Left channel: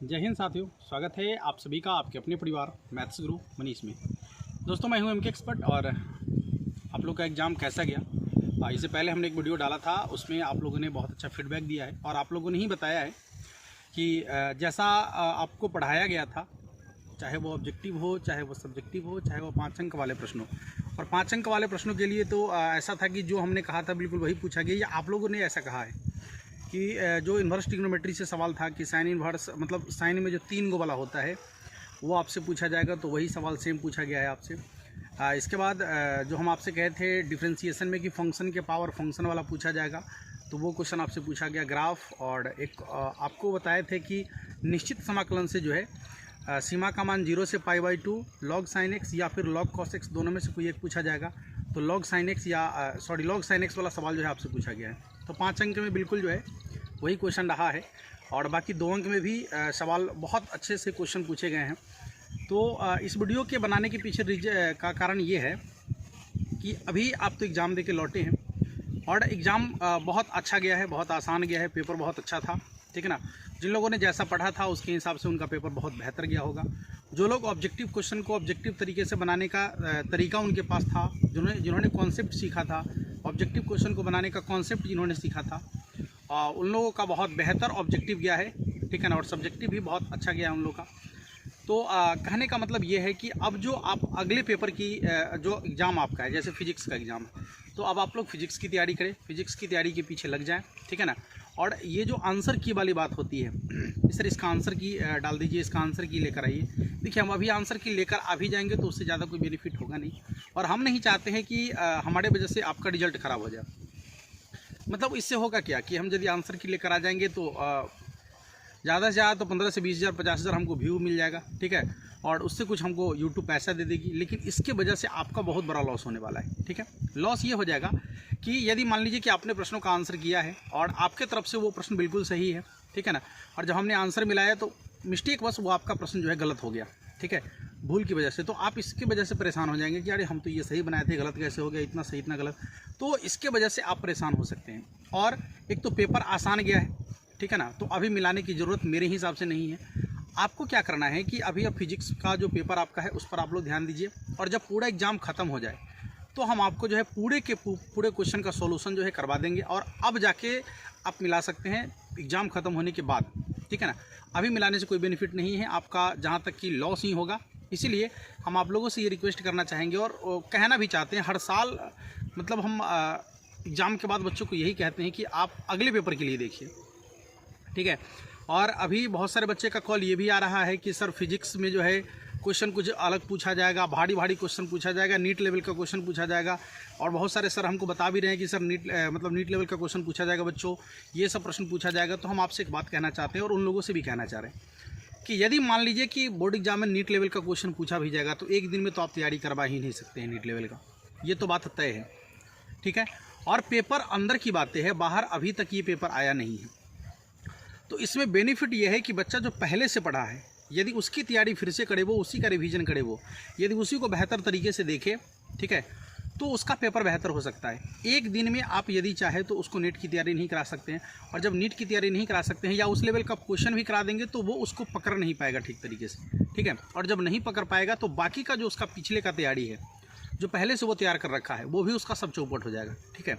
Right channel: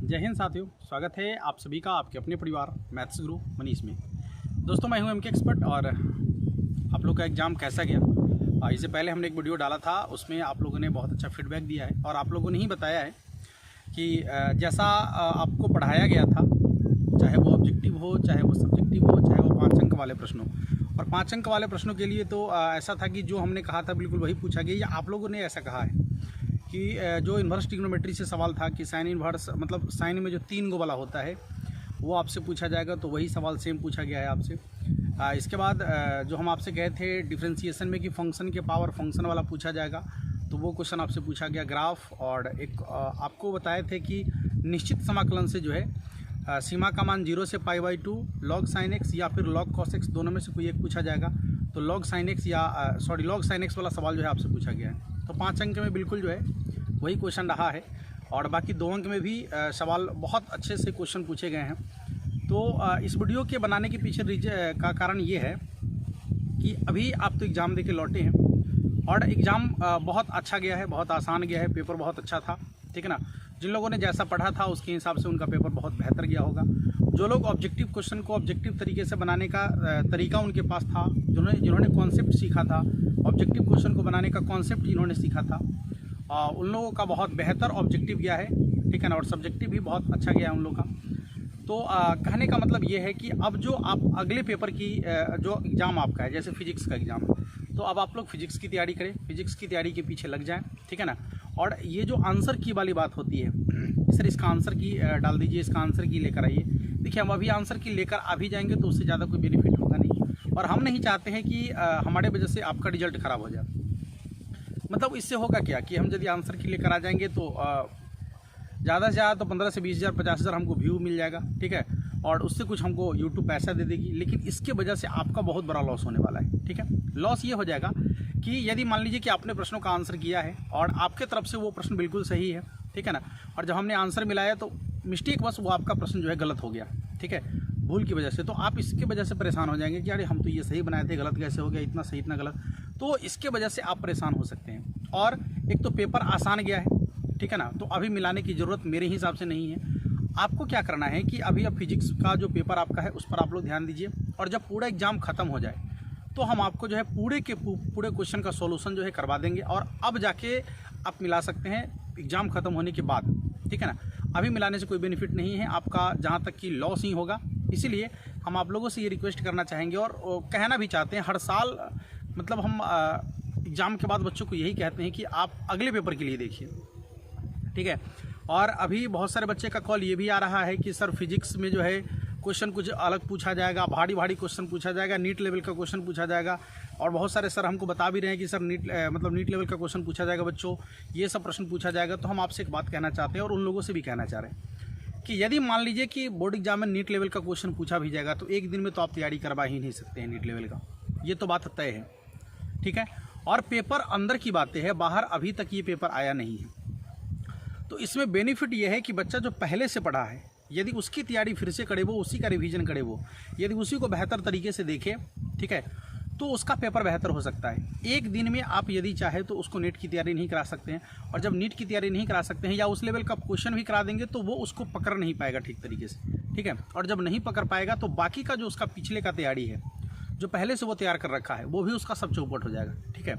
जय हिंद साथियों, स्वागत है आप सभी का आपके अपने परिवार मैथ्स गुरु मनीष में। दोस्तों, मैं हूं एमके एक्सपर्ट और आप लोग का एग्ज़ाम कैसा गया। इससे पहले हमने एक वीडियो डाला था, उसमें आप लोगों ने बहुत अच्छा फीडबैक दिया है और आप लोगों ने ही बताया है कि जैसा आपको पढ़ाया गया था, चाहे वो ऑब्जेक्टिव हो, चाहे वो सब्जेक्टिव हो, चाहे वो 5 अंक वाले प्रश्न हो। और 5 अंक वाले प्रश्नों के लिए तो ऐसा था कि जो हमने कहा था बिल्कुल वही पूछा गया, या आप लोगों ने ऐसा कहा है कि जो इन्वर्स ट्रिग्नोमेट्री से सवाल था कि साइन इन्वर्स मतलब साइन में जो 3 गो वाला होता है वो आपसे पूछा जाएगा, तो वही सवाल सेम पूछा गया है आपसे। इसके बाद जो हम आपसे कहे थे डिफ्रेंसिएशन में कि फंक्शन के पावर फंक्शन वाला पूछा जाएगा, तो वो क्वेश्चन आपसे पूछा गया। ग्राफ और एक आपको बताए थे कि निश्चित समाकलन से जो है सीमा का मान 0 से π/2 log sin x या फिर log cos x दोनों में से कोई एक पूछा जाएगा। तो log sin x या log sin x वाला सवाल जो है आपसे पूछा गया है। तो 5 अंक में बिल्कुल जो है वही क्वेश्चन रहा है और बाकी 2 अंक में भी सवाल बहुत अच्छे से क्वेश्चन पूछे गए हैं। तो इस वीडियो के बनाने के पीछे का कारण ये है कि अभी आप तो एग्ज़ाम दे के लौटे हैं और एग्ज़ाम बहुत अच्छा गया है, बहुत आसान गया है, पेपर बहुत अच्छा था, ठीक है ना। जिन लोगों ने जैसा पढ़ा था उसके हिसाब से उनका पेपर बहुत बेहतर गया होगा। जो लोग ऑब्जेक्टिव क्वेश्चन को ऑब्जेक्टिव तरीके से बनाने का तरीका उनके पास था, जिन्होंने कॉन्सेप्ट सीखा था, ऑब्जेक्टिव क्वेश्चन को बनाने का कॉन्सेप्ट जिन्होंने सीखा था, उन लोगों का बहुत बेहतर ऑब्जेक्टिव गया है, ठीक है ना। और सब्जेक्टिव भी बहुत अच्छा गया है उन लोगों का। तो कहने का मतलब ये है कि अब जो आप अगले पेपर की जो एग्ज़ाम आपका है, जैसे फिजिक्स का एग्ज़ाम है, तो अब आप लोग फिजिक्स की तैयारी करें, फिजिक्स की तैयारी के पीछे लग जाएं, ठीक है ना। और ये जो आंसर की वाली बात होती है, सर इसका आंसर की डाल दीजिए, इसका आंसर की लेकर आइए। देखिए, हम अभी आंसर की लेकर आ भी जाएंगे तो उससे ज़्यादा कोई बेनिफिट होगा नहीं, और हम नहीं चाहते हैं कि हमारे वजह से आपका रिजल्ट ख़राब हो जाए। मतलब इससे होगा क्या कि हम यदि आंसर की लेकर आ जाएंगे तो ज़्यादा से ज़्यादा तो 15 से 20 हज़ार 50 हज़ार हमको व्यू मिल जाएगा, ठीक है, और उससे कुछ हमको यूट्यूब पैसा दे देगी। लेकिन इसके वजह से आपका बहुत बड़ा लॉस होने वाला है, ठीक है। लॉस ये हो जाएगा कि यदि मान लीजिए कि आपने प्रश्नों का आंसर किया है और आपके तरफ से वो प्रश्न बिल्कुल सही है, ठीक है ना, और जब हमने आंसर मिलाया तो मिस्टेक बस वो आपका प्रश्न जो है गलत हो गया, ठीक है, भूल की वजह से। तो आप इसकी वजह से परेशान हो जाएंगे कि अरे हम तो ये सही बनाए थे, गलत कैसे हो गया, इतना सही इतना गलत। तो इसके वजह से आप परेशान हो सकते हैं। और एक तो पेपर आसान गया है, ठीक है ना, तो अभी मिलाने की ज़रूरत मेरे हिसाब से नहीं है। आपको क्या करना है कि अभी अब फिजिक्स का जो पेपर आपका है उस पर आप लोग ध्यान दीजिए, और जब पूरा एग्ज़ाम ख़त्म हो जाए तो हम आपको जो है पूरे के पूरे क्वेश्चन का सॉल्यूशन जो है करवा देंगे, और अब जाके आप मिला सकते हैं एग्ज़ाम ख़त्म होने के बाद, ठीक है ना। अभी मिलाने से कोई बेनिफिट नहीं है आपका, जहाँ तक कि लॉस ही होगा। इसीलिए हम आप लोगों से ये रिक्वेस्ट करना चाहेंगे और कहना भी चाहते हैं, हर साल मतलब हम एग्ज़ाम के बाद बच्चों को यही कहते हैं कि आप अगले पेपर के लिए देखिए, ठीक है। और अभी बहुत सारे बच्चे का कॉल ये भी आ रहा है कि सर फिजिक्स में जो है क्वेश्चन कुछ अलग पूछा जाएगा, भारी भारी क्वेश्चन पूछा जाएगा, नीट लेवल का क्वेश्चन पूछा जाएगा। और बहुत सारे सर हमको बता भी रहे हैं कि सर नीट लेवल का क्वेश्चन पूछा जाएगा बच्चों, ये सब प्रश्न पूछा जाएगा। तो हम आपसे एक बात कहना चाहते हैं और उन लोगों से भी कहना चाह रहे हैं कि यदि मान लीजिए कि बोर्ड एग्जाम में नीट लेवल का क्वेश्चन पूछा भी जाएगा तो एक दिन में तो आप तैयारी करवा ही नहीं सकते हैं नीट लेवल का, ये तो बात तय है, ठीक है। और पेपर अंदर की बातें हैं, बाहर अभी तक ये पेपर आया नहीं है। तो इसमें बेनिफिट ये है कि बच्चा जो पहले से पढ़ा है, यदि उसकी तैयारी फिर से करे, वो उसी का रिवीजन करे, वो यदि उसी को बेहतर तरीके से देखे, ठीक है, तो उसका पेपर बेहतर हो सकता है। एक दिन में आप यदि चाहे तो उसको नीट की तैयारी नहीं करा सकते हैं, और जब नीट की तैयारी नहीं करा सकते हैं या उस लेवल का क्वेश्चन भी करा देंगे तो वो उसको पकड़ नहीं पाएगा ठीक तरीके से, ठीक है। और जब नहीं पकड़ पाएगा तो बाकी का जो उसका पिछले का तैयारी है, जो पहले से वो तैयार कर रखा है, वो भी उसका सब चौपट हो जाएगा, ठीक है।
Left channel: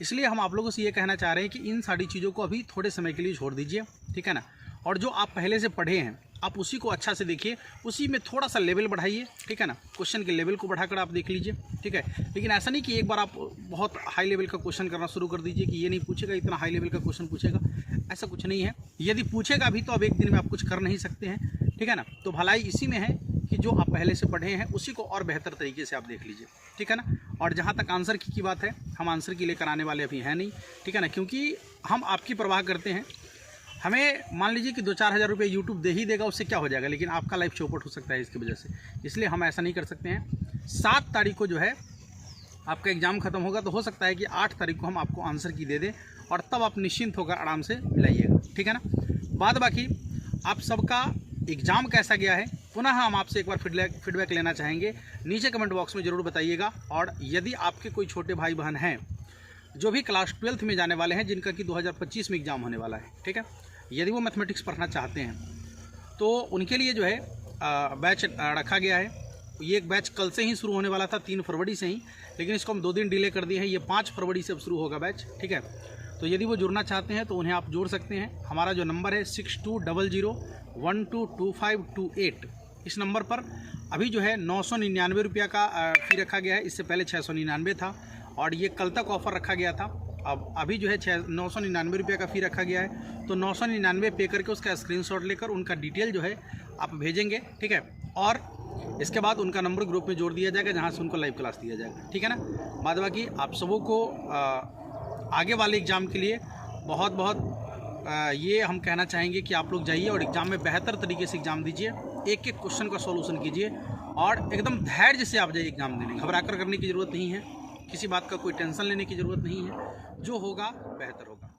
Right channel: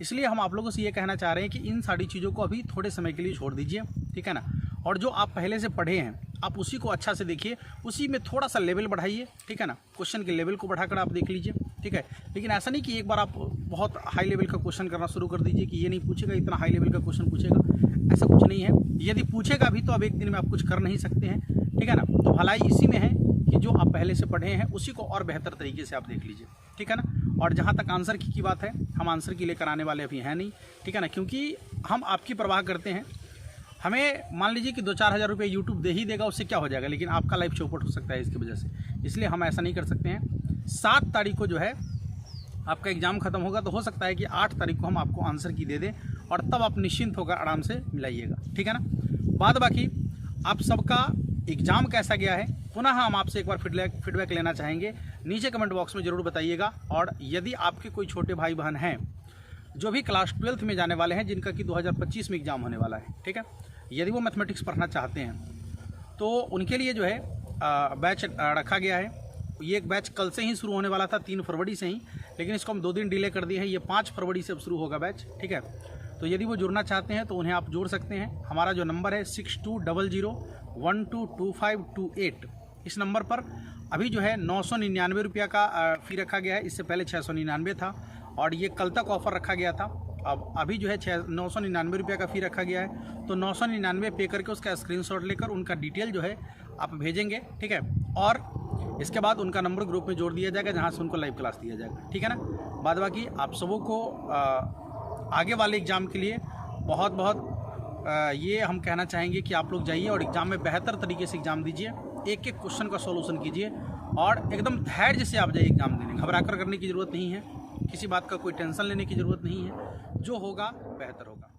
इसलिए हम आप लोगों से ये कहना चाह रहे हैं कि इन सारी चीज़ों को अभी थोड़े समय के लिए छोड़ दीजिए, ठीक है ना। और जो आप पहले से पढ़े हैं आप उसी को अच्छा से देखिए, उसी में थोड़ा सा लेवल बढ़ाइए, ठीक है ना, क्वेश्चन के लेवल को बढ़ाकर आप देख लीजिए, ठीक है। लेकिन ऐसा नहीं कि एक बार आप बहुत हाई लेवल का क्वेश्चन करना शुरू कर दीजिए कि ये नहीं पूछेगा, इतना हाई लेवल का क्वेश्चन पूछेगा, ऐसा कुछ नहीं है। यदि पूछेगा भी तो अब एक दिन में आप कुछ कर नहीं सकते हैं, ठीक है ना। तो भलाई इसी में है कि जो आप पहले से पढ़े हैं उसी को और बेहतर तरीके से आप देख लीजिए, ठीक है ना। और जहाँ तक आंसर की बात है, हम आंसर की लेकर आने वाले अभी हैं नहीं, ठीक है ना, क्योंकि हम आपकी परवाह करते हैं। हमें मान लीजिए कि 2-4 हज़ार रुपये यूट्यूब दे ही देगा, उससे क्या हो जाएगा, लेकिन आपका लाइफ चौपट हो सकता है इसकी वजह से। इसलिए हम ऐसा नहीं कर सकते हैं। 7 तारीख को जो है आपका एग्ज़ाम ख़त्म होगा, तो हो सकता है कि 8 तारीख को हम आपको आंसर की दे दें, और तब आप निश्चिंत होकर आराम से मिलाइएगा, ठीक है ना। बाद बाकी आप सबका एग्ज़ाम कैसा गया है, पुनः हम आपसे एक बार फीडबैक लेना चाहेंगे। नीचे कमेंट बॉक्स में ज़रूर बताइएगा। और यदि आपके कोई छोटे भाई बहन हैं जो भी क्लास 12th में जाने वाले हैं, जिनका कि 2025 में एग्ज़ाम होने वाला है, ठीक है, यदि वो मैथमेटिक्स पढ़ना चाहते हैं तो उनके लिए जो है बैच रखा गया है। ये एक बैच कल से ही शुरू होने वाला था 3 फरवरी से ही, लेकिन इसको हम 2 दिन डिले कर दिए हैं। ये 5 फरवरी से अब शुरू होगा बैच, ठीक है। तो यदि वो जुड़ना चाहते हैं तो उन्हें आप जोड़ सकते हैं। हमारा जो नंबर है 6200122528, इस नंबर पर अभी जो है 999 रुपये का फ़ी रखा गया है। इससे पहले 699 था और ये कल तक ऑफ़र रखा गया था। अब अभी जो है 999 रुपये का फ़ी रखा गया है। तो 999 पे करके उसका स्क्रीनशॉट लेकर उनका डिटेल जो है आप भेजेंगे, ठीक है। और इसके बाद उनका नंबर ग्रुप में जोड़ दिया जाएगा, जहाँ से उनको लाइव क्लास दिया जाएगा, ठीक है ना। बाद बाकी आप सबों को आगे वाले एग्ज़ाम के लिए बहुत बहुत ये हम कहना चाहेंगे कि आप लोग जाइए और एग्ज़ाम में बेहतर तरीके से एग्ज़ाम दीजिए। एक एक क्वेश्चन का सॉल्यूशन कीजिए और एकदम धैर्य से आप जाइए एग्ज़ाम देने। घबरा कर करने की ज़रूरत नहीं है, किसी बात का कोई टेंशन लेने की ज़रूरत नहीं है। जो होगा बेहतर होगा।